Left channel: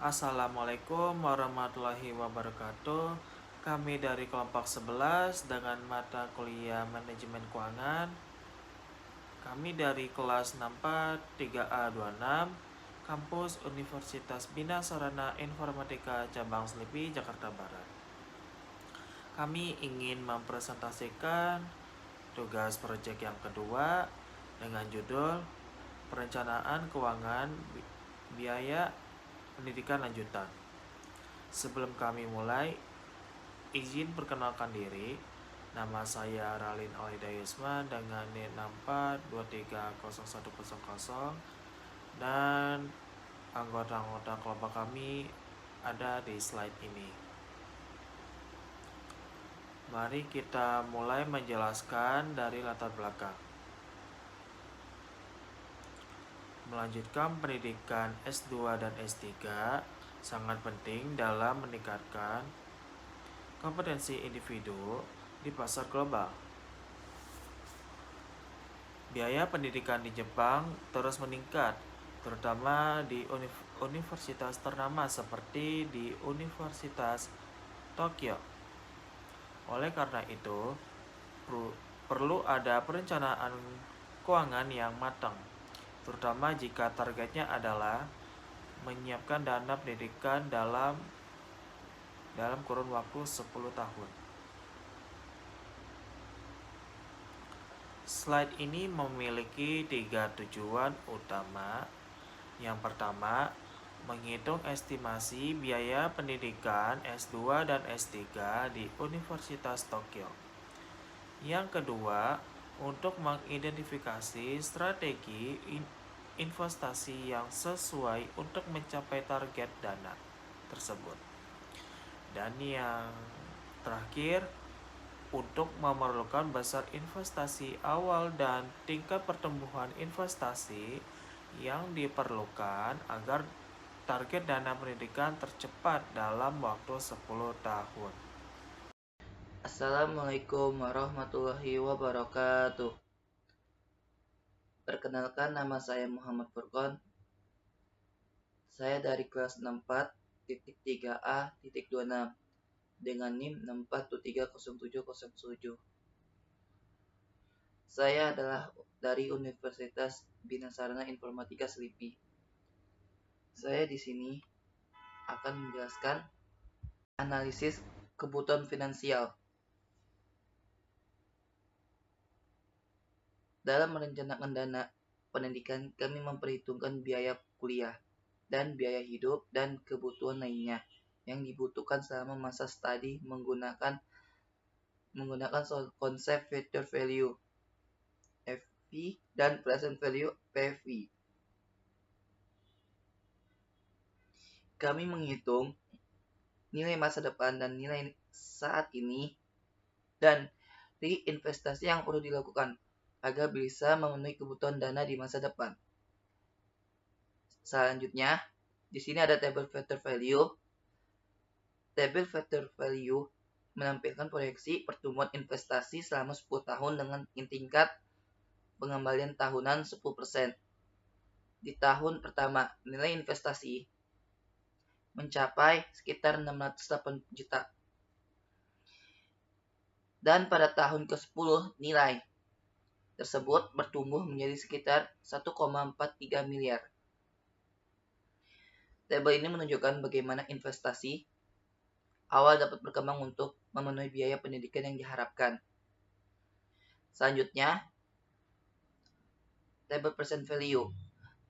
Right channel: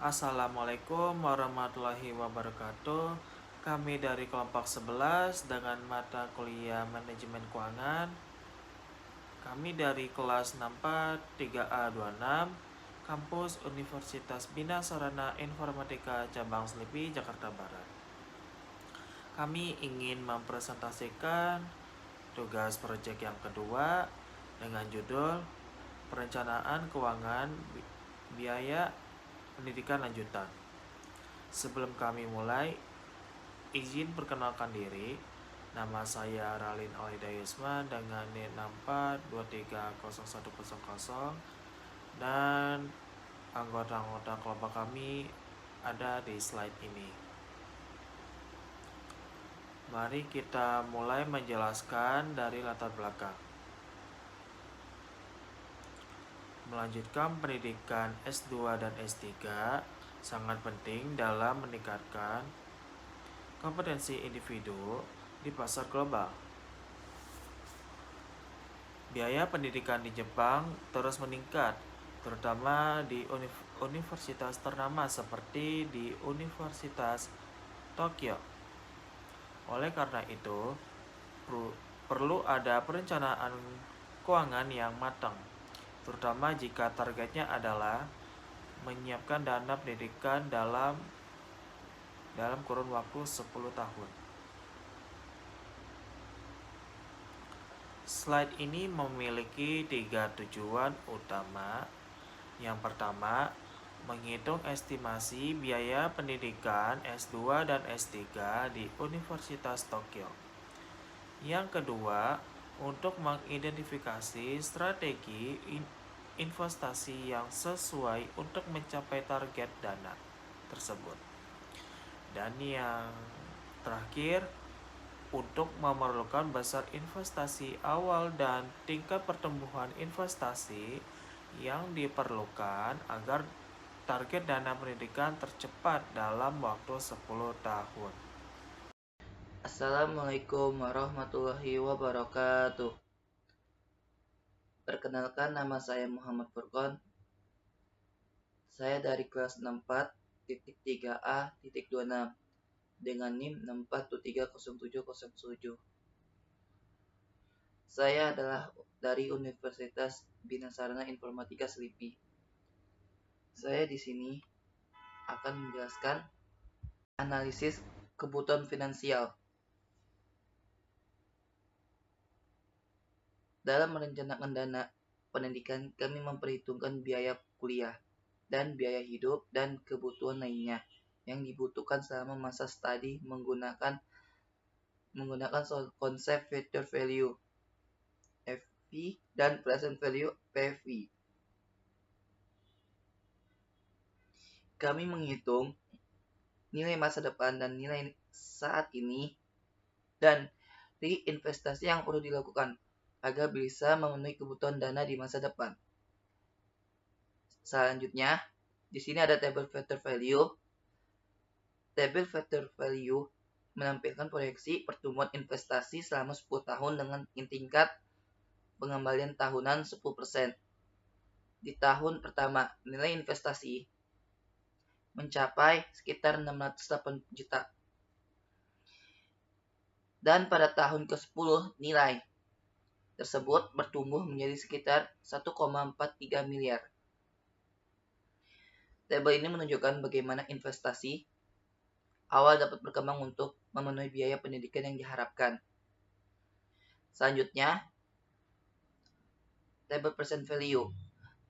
Assalamualaikum warahmatullahi wabarakatuh. Kami dari kelompok 11 dengan mata kuliah Manajemen Keuangan. Kami dari kelas 64 3A26 Kampus Universitas Bina Sarana Informatika Cabang Selipi, Jakarta Barat. Kami ingin mempresentasikan tugas proyek yang kedua dengan judul Perencanaan Keuangan Biaya Pendidikan Lanjutan. Sebelum kami mulai, izin perkenalkan diri. Nama saya Ralin Alida Yusma dengan NIM 64230100 dan anggota-anggota kelompok kami ada di slide ini. Mari kita mulai menjelaskan dari latar belakang. Melanjutkan pendidikan S2 dan S3 sangat penting dalam meningkatkan kompetensi individu di pasar global. Biaya pendidikan di Jepang terus meningkat, terutama di universitas ternama seperti di Universitas Tokyo. Oleh karena itu, perlu ada perencanaan keuangan yang matang, terutama jika targetnya adalah menyiapkan dana pendidikan dalam kurun waktu 10 tahun. Slide ini memiliki 3 tujuan utama. Yang pertama, menghitung estimasi biaya pendidikan S2 dan S3 di Universitas Tokyo. Yang kedua, untuk mengidentifikasi strategi investasi yang sesuai untuk mencapai target dana tersebut. Dan yang terakhir, untuk memerlukan besar investasi awal dan tingkat pertumbuhan investasi yang diperlukan agar target dana pendidikan tercepat dalam waktu 10 tahun. Assalamualaikum warahmatullahi wabarakatuh. Perkenalkan, nama saya Muhammad Furqon. Saya dari kelas 64.3A.26 dengan NIM 64730707. Saya adalah dari Universitas Bina Sarana Informatika Selipi. Saya di sini akan menjelaskan analisis kebutuhan finansial. Dalam merencanakan dana pendidikan, kami memperhitungkan biaya kuliah dan biaya hidup dan kebutuhan lainnya yang dibutuhkan selama masa studi menggunakan konsep future value FV dan present value PV. Kami menghitung nilai masa depan dan nilai saat ini dan reinvestasi yang perlu dilakukan agar bisa memenuhi kebutuhan dana di masa depan. Selanjutnya, di sini ada tabel future value. Tabel future value menampilkan proyeksi pertumbuhan investasi selama 10 tahun dengan tingkat pengembalian tahunan 10%. Di tahun pertama, nilai investasi mencapai sekitar 608 juta. Dan pada tahun ke-10, nilai tersebut bertumbuh menjadi sekitar 1,43 miliar. Tabel ini menunjukkan bagaimana investasi awal dapat berkembang untuk memenuhi biaya pendidikan yang diharapkan. Selanjutnya, tabel present value.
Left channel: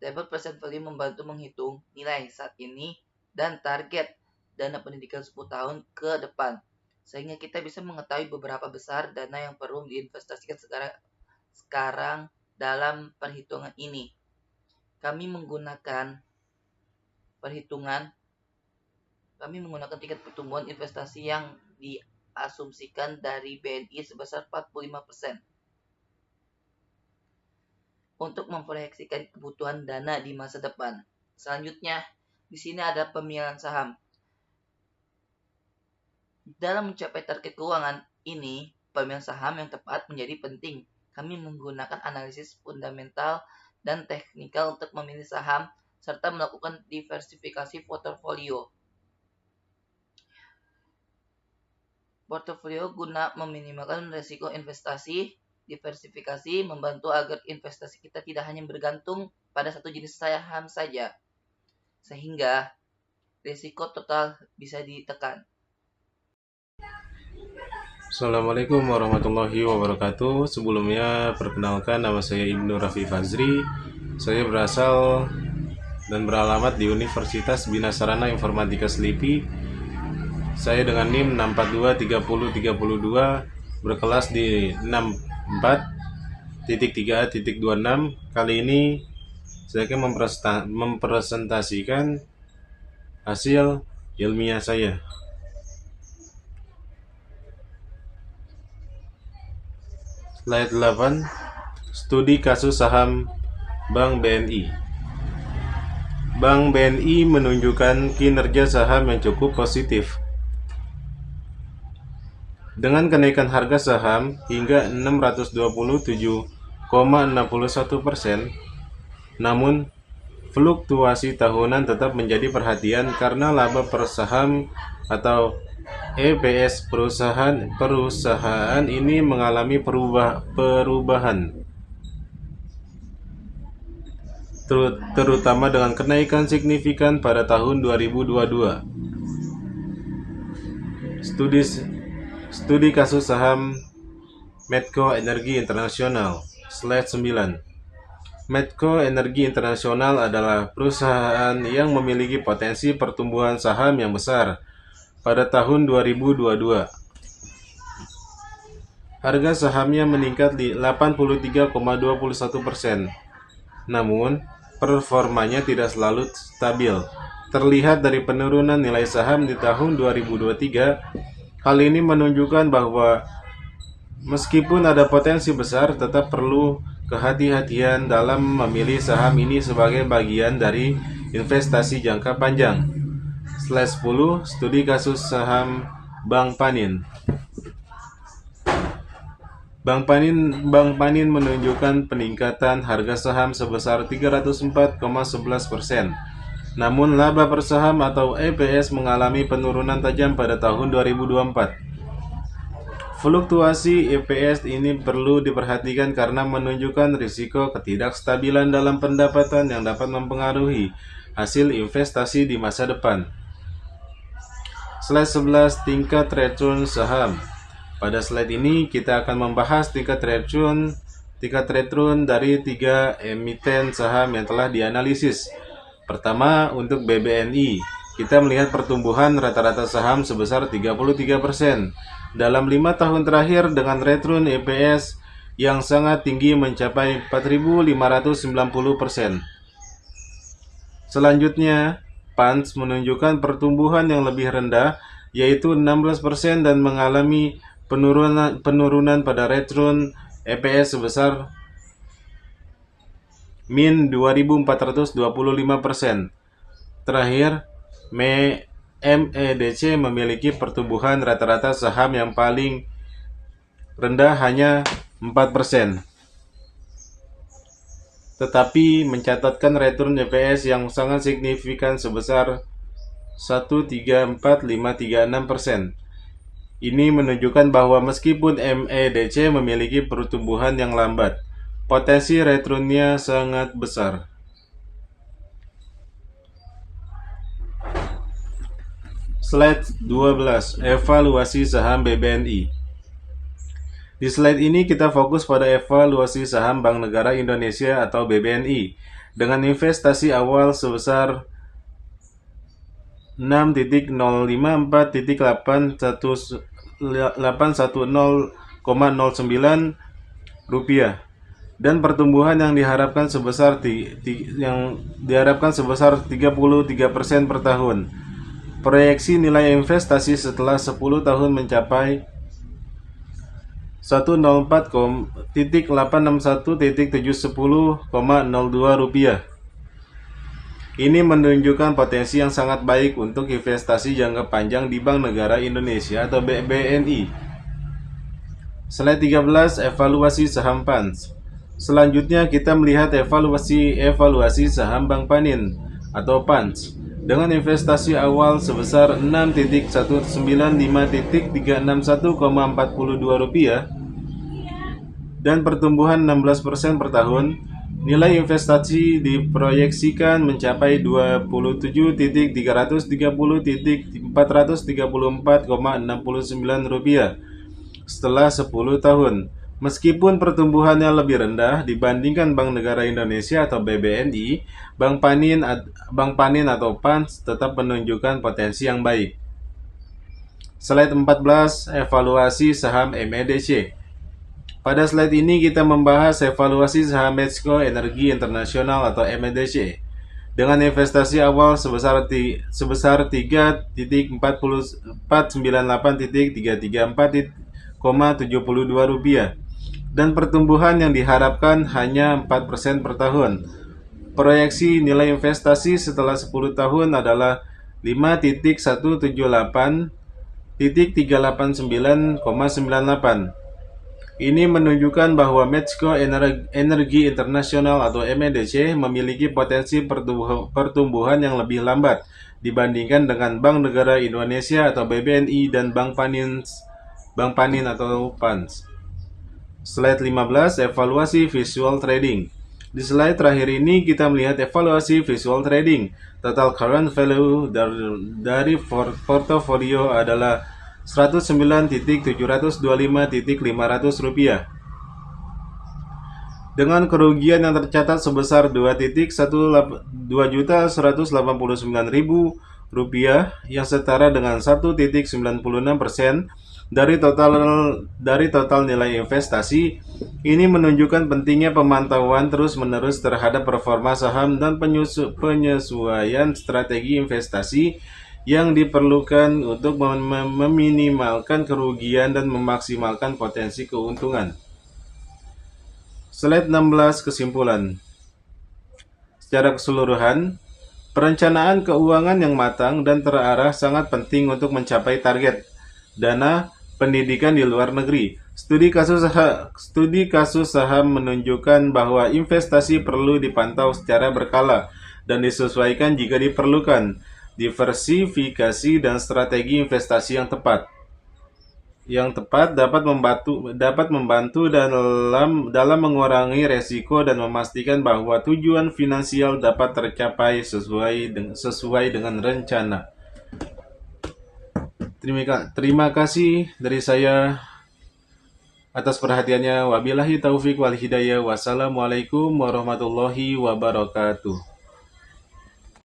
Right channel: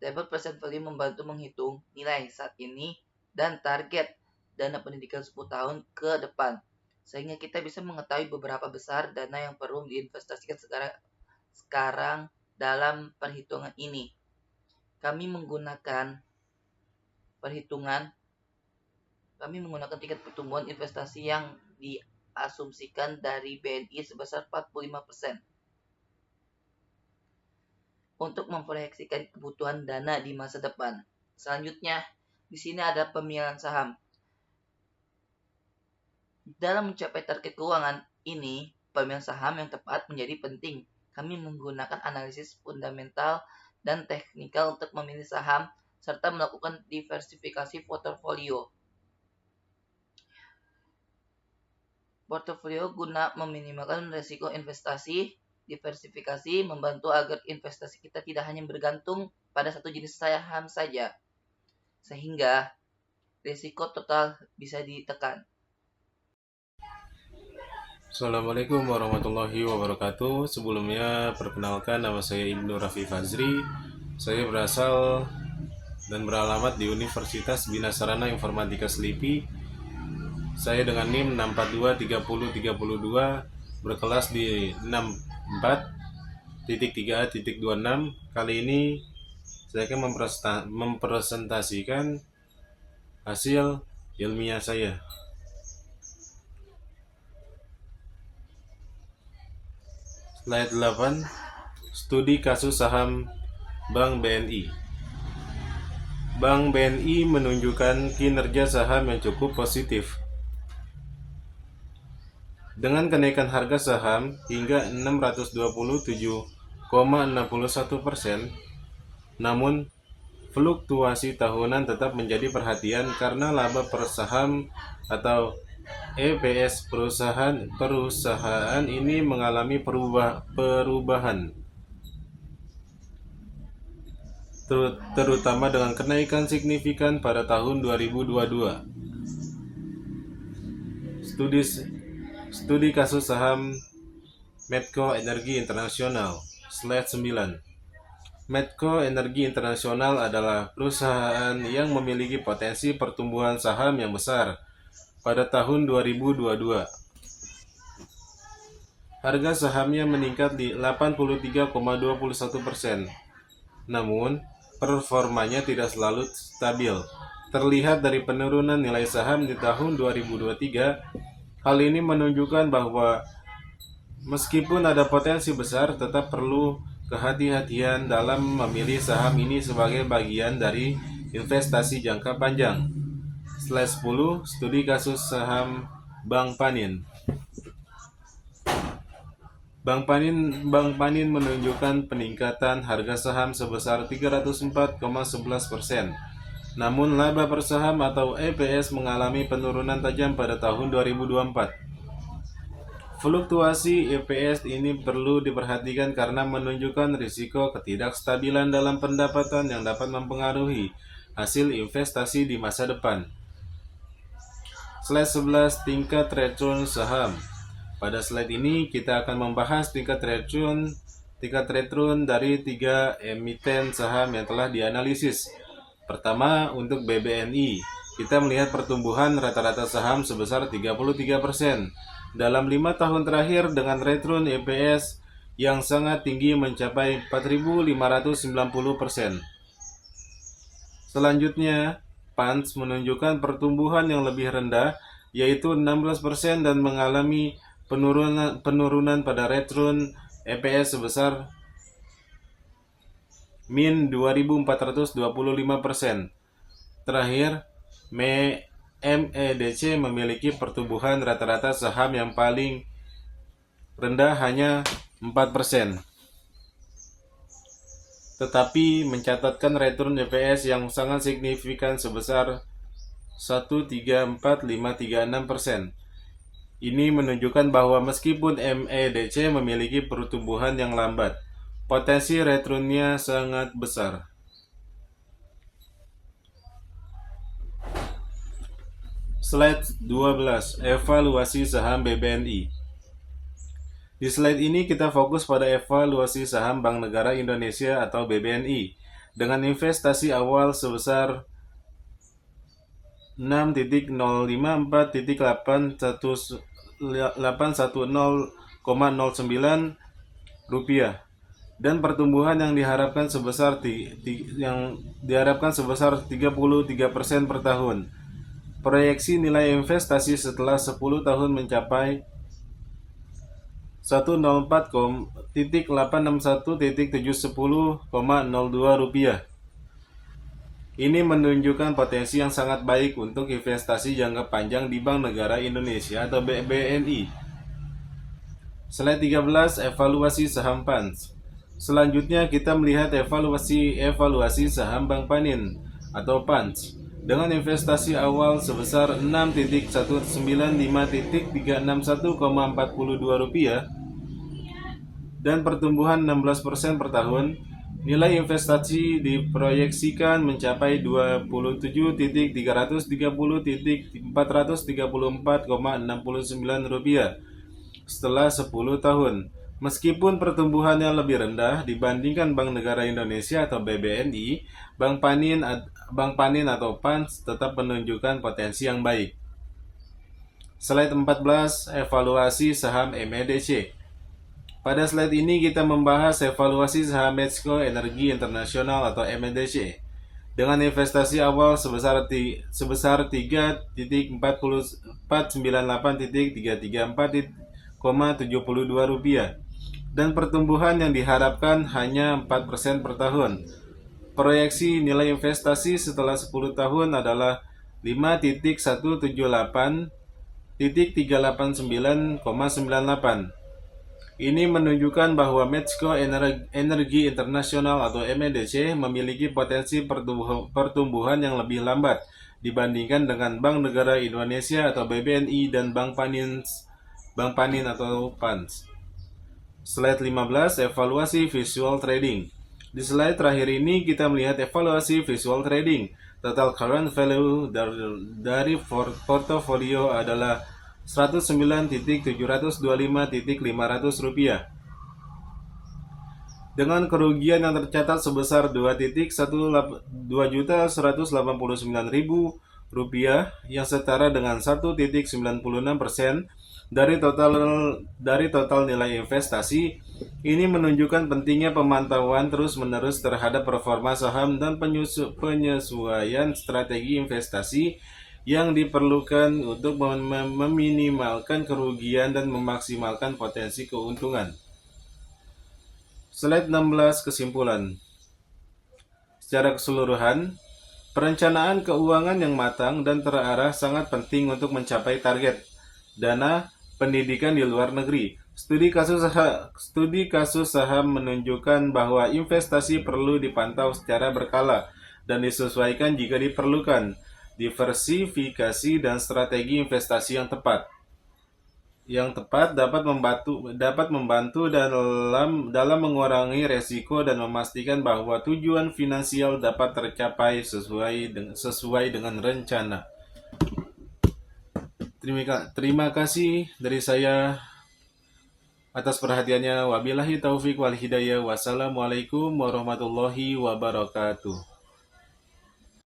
Tabel present value membantu menghitung nilai saat ini dan target dana pendidikan 10 tahun ke depan, sehingga kita bisa mengetahui beberapa besar dana yang perlu diinvestasikan sekarang dalam perhitungan ini. Kami menggunakan tingkat pertumbuhan investasi yang diasumsikan dari BNI sebesar 45%. Untuk memproyeksikan kebutuhan dana di masa depan. Selanjutnya, di sini ada pemilihan saham. Dalam mencapai target keuangan ini, pemilihan saham yang tepat menjadi penting. Kami menggunakan analisis fundamental dan teknikal untuk memilih saham serta melakukan diversifikasi portofolio. Portofolio guna meminimalkan risiko investasi. Diversifikasi membantu agar investasi kita tidak hanya bergantung pada satu jenis saham saja, sehingga risiko total bisa ditekan. Assalamualaikum warahmatullahi wabarakatuh. Sebelumnya perkenalkan, nama saya Ibnu Rafi Fazri. Saya berasal dan beralamat di Universitas Bina Sarana Informatika Selipi. Saya dengan NIM 6423032 berkelas di 64.3A.26. Kali ini saya akan mempresentasikan hasil ilmiah saya. Slide 8, studi kasus saham Bank BNI. Bank BNI menunjukkan kinerja saham yang cukup positif, dengan kenaikan harga saham hingga 627,61%. Namun, fluktuasi tahunan tetap menjadi perhatian karena laba per saham atau EPS perusahaan ini mengalami perubahan, terutama dengan kenaikan signifikan pada tahun 2022. Studi kasus saham Medco Energi Internasional. Slide 9. Medco Energi Internasional adalah perusahaan yang memiliki potensi pertumbuhan saham yang besar pada tahun 2022. Harga sahamnya meningkat di 83,21%. Namun, performanya tidak selalu stabil. Terlihat dari penurunan nilai saham di tahun 2023. Hal ini menunjukkan bahwa meskipun ada potensi besar, tetap perlu kehati-hatian dalam memilih saham ini sebagai bagian dari investasi jangka panjang. Slide 10, studi kasus saham Bank Panin. Bank Panin menunjukkan peningkatan harga saham sebesar 304,11%. Namun laba per saham atau EPS mengalami penurunan tajam pada tahun 2024. Fluktuasi EPS ini perlu diperhatikan karena menunjukkan risiko ketidakstabilan dalam pendapatan yang dapat mempengaruhi hasil investasi di masa depan. Slide 11, tingkat return saham. Pada slide ini kita akan membahas tingkat return dari 3 emiten saham yang telah dianalisis. Pertama, untuk BBNI, kita melihat pertumbuhan rata-rata saham sebesar 33% dalam 5 tahun terakhir dengan return EPS yang sangat tinggi mencapai 4.590%. Selanjutnya, PANS menunjukkan pertumbuhan yang lebih rendah, yaitu 16% dan mengalami penurunan pada return EPS sebesar min 2.425%. Terakhir, MEDC memiliki pertumbuhan rata-rata saham yang paling rendah hanya 4%, tetapi mencatatkan return EPS yang sangat signifikan sebesar 1,34536%. Ini menunjukkan bahwa meskipun MEDC memiliki pertumbuhan yang lambat, potensi returnnya sangat besar. Slide 12, evaluasi saham BBNI. Di slide ini kita fokus pada evaluasi saham Bank Negara Indonesia atau BBNI dengan investasi awal sebesar 6.054.810,09 rupiah dan pertumbuhan yang diharapkan sebesar 33% per tahun. Proyeksi nilai investasi setelah 10 tahun mencapai 104,861.710,02 rupiah. Ini menunjukkan potensi yang sangat baik untuk investasi jangka panjang di Bank Negara Indonesia atau BNI. Slide 13, evaluasi saham PANS. Selanjutnya kita melihat evaluasi saham Bank Panin. atau PANS dengan investasi awal sebesar Rp6.195.361,42 dan pertumbuhan 16% per tahun. Nilai investasi diproyeksikan mencapai Rp27.330.434,69 setelah 10 tahun. Meskipun pertumbuhannya lebih rendah dibandingkan Bank Negara Indonesia atau BBNI, Bank Panin atau PANS tetap menunjukkan potensi yang baik. Slide 14, evaluasi saham MEDC. Pada slide ini kita membahas evaluasi saham Medco Energi Internasional atau MEDC dengan investasi awal sebesar 3.498.334,72 rupiah dan pertumbuhan yang diharapkan hanya 4% per tahun. Proyeksi nilai investasi setelah 10 tahun adalah 5.178.389,98. Ini menunjukkan bahwa Medco Energi Internasional atau MEDC memiliki potensi pertumbuhan yang lebih lambat dibandingkan dengan Bank Negara Indonesia atau BBNI dan Bank Panin atau PANS. Slide 15, evaluasi visual trading. Di slide terakhir ini kita melihat evaluasi visual trading. Total current value dari portofolio adalah Rp109.725.500 dengan kerugian yang tercatat sebesar Rp2.189.000 yang setara dengan 1.96% dari total nilai investasi. Ini menunjukkan pentingnya pemantauan terus-menerus terhadap performa saham dan penyesuaian strategi investasi yang diperlukan untuk meminimalkan kerugian dan memaksimalkan potensi keuntungan. Slide 16, kesimpulan. Secara keseluruhan, perencanaan keuangan yang matang dan terarah sangat penting untuk mencapai target dana pendidikan di luar negeri. Studi kasus saham menunjukkan bahwa investasi perlu dipantau secara berkala dan disesuaikan jika diperlukan. Diversifikasi dan strategi investasi yang tepat dapat membantu dalam mengurangi resiko dan memastikan bahwa tujuan finansial dapat tercapai sesuai dengan rencana. Terima kasih dari saya atas perhatiannya. Wabillahi taufik wal hidayah. Wassalamualaikum warahmatullahi wabarakatuh.